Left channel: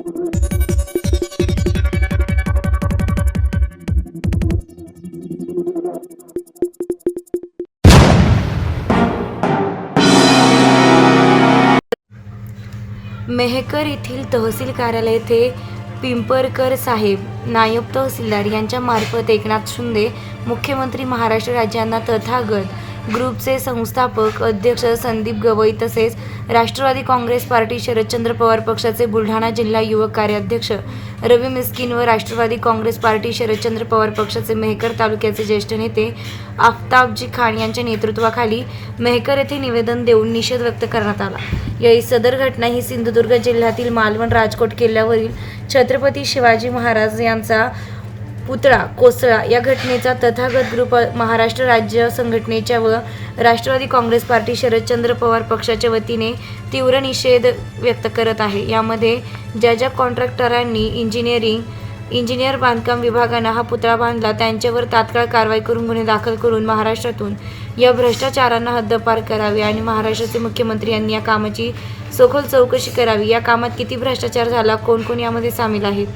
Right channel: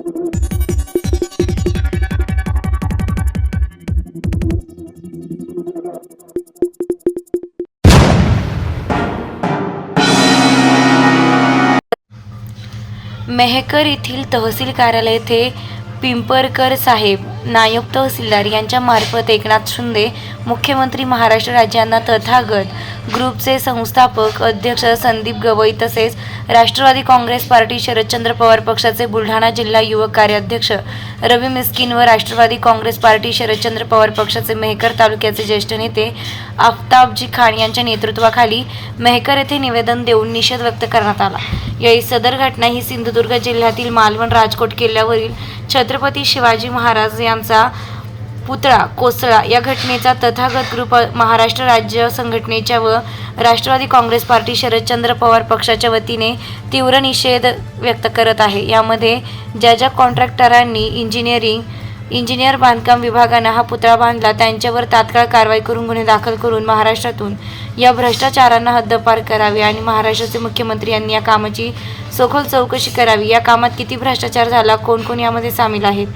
मेहकर येथील तहसील कार्यालय येथे पिंपरकर साहेब नायब तहसीलदार यांच्या मार्फत एकनाथ शिंदे मुख्यमंत्री महाराष्ट्र राज्यांना तथागत ग्रुपचे संस्थापक अध्यक्ष संदीप गवई तसेच राष्ट्रवादी काँग्रेस पार्टी शरदचंद्र पवार पक्षाचे बुलढाणा जिल्हा युवक कार्याध्यक्ष रवी मिस्किन व राष्ट्रवादी काँग्रेस पार्टी शरदचंद्र पवार पक्षाचे मेहकर तालुक्याचे ज्येष्ठ नेते आफताबजी खान यांच्या नेतृत्वाखाली मेहकर येथे निवेदन देऊन निषेध व्यक्त करण्यात आला। याही सदर घटना ही सिंधुदुर्ग जिल्ह्यातील मालवण राजकोट किल्ल्यावरील छत्रपती शिवाजी महाराज यांचा पुतळा कोसळला या घटनेचा तथागत ग्रुप महाराष्ट्र राज्य संघटनेच्या व राष्ट्रवादी काँग्रेस पार्टी शरदचंद्र पवार पक्षाच्या वतीने तीव्र निषेध व्यक्त करत आहे। यामध्ये ज्या कॉन्ट्रॅक्टरांनी इंजिनियर बांधकाम विभागाने हा पुतळा बांधला त्यांच्यावर तात्काळ कारवाई करून गुन्हे दाखल करून महाराष्ट्रातून या भ्रष्टाचारांना हद्दपार करावे आणि महाराष्ट्राचे मुख्यमंत्री यांनी या कामाची सखोल चौकशी करावी। या कामात किती भ्रष्टाचार झाला, कोण कोण यामध्ये सामील आहेत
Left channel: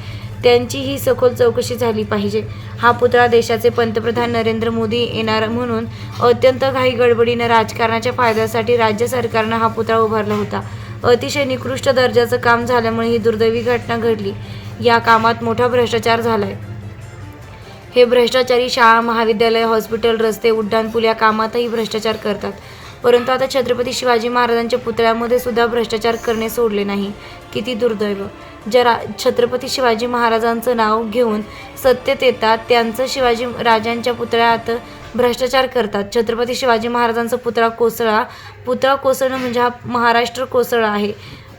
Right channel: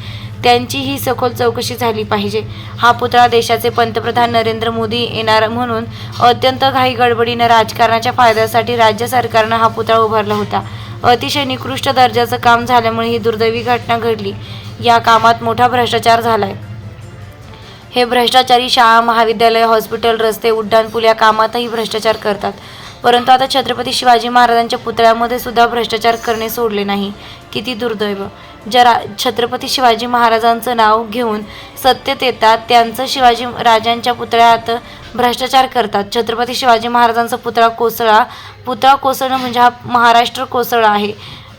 त्यांची ही सखोल चौकशी झाली पाहिजे। हा पुतळा देशाचे पंतप्रधान नरेंद्र मोदी येणार म्हणून अत्यंत घाई गडबडीने राजकारणाच्या फायद्यासाठी राज्य सरकारने हा पुतळा उभारला होता। अतिशय निकृष्ट दर्जाचं काम झाल्यामुळे ही दुर्दैवी घटना घडली। या कामात मोठा भ्रष्टाचार झालाय। हे भ्रष्टाचारी शाळा, महाविद्यालय, हॉस्पिटल, रस्ते, उड्डाणपूल या कामातही भ्रष्टाचार करतात। परंतु आता छत्रपती शिवाजी महाराजांच्या पुतळ्यामध्ये सुद्धा भ्रष्टाचार करणे सोडले नाही। किती दुर्दैव! ज्या छत्रपती शिवाजी महाराजांचं नाव घेऊन सत्तेत येतात त्यांचं शिवाजी राजांच्या पुतळ्यात भ्रष्टाचार करतात। छत्रपती शिवाजी महाराजांचा पुतळा कोसळणं म्हणजे हा महाराष्ट्र कोसळला आहे।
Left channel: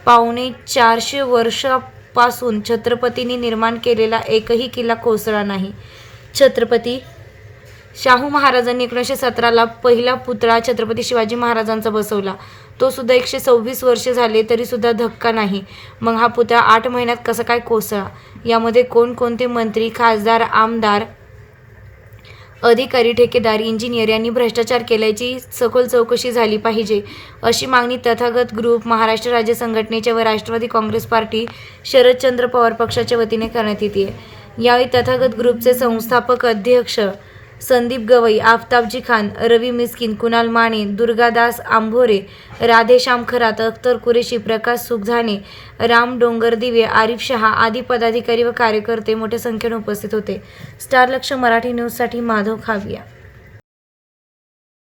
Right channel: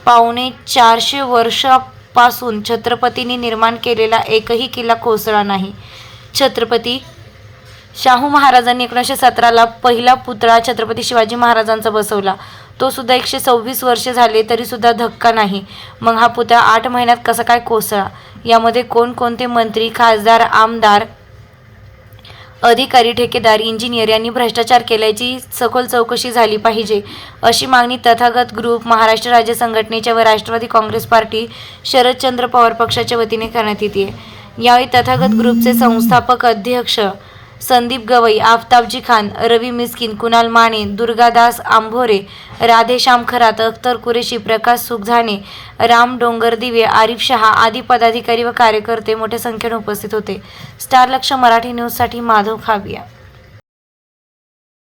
450 वर्षापासून छत्रपतींनी निर्माण केलेला एकही किल्ला कोसळला नाही। छत्रपती शाहू महाराजांनी 1917ला पहिला पुतळा छत्रपती शिवाजी महाराजांचा बसवला। तो सुद्धा 126 वर्षे झाले तरी सुद्धा धक्का नाही। मग हा पुतळा 8 महिन्यात कसा काय कोसळला? यामध्ये कोणकोणते मंत्री, खासदार, आमदार, अधिकारी, ठेकेदार, इंजिनियर यांनी भ्रष्टाचार केल्याची सखोल चौकशी झाली पाहिजे, अशी मागणी तथागत ग्रुप महाराष्ट्र राज्य संघटनेच्या व राष्ट्रवादी काँग्रेस पार्टी शरदचंद्र पवार पक्षाच्या वतीने करण्यात येते। यावेळी तथागत ग्रुपचे संस्थापक अध्यक्ष संदीप गवई, आफताबजी खान, रवी मिस्किन, कुणाल माने, दुर्गादास आंभोरे, राधेश्याम खरात, अख्तर कुरेशी, प्रकाश सुखझाने, राम डोंगरदिवे, आरिफ शहा आदी पदाधिकारी व कार्यकर्ते मोठ्या संख्येने उपस्थित होते। स्टार लक्ष मराठी न्यूजसाठी माधव खाविया।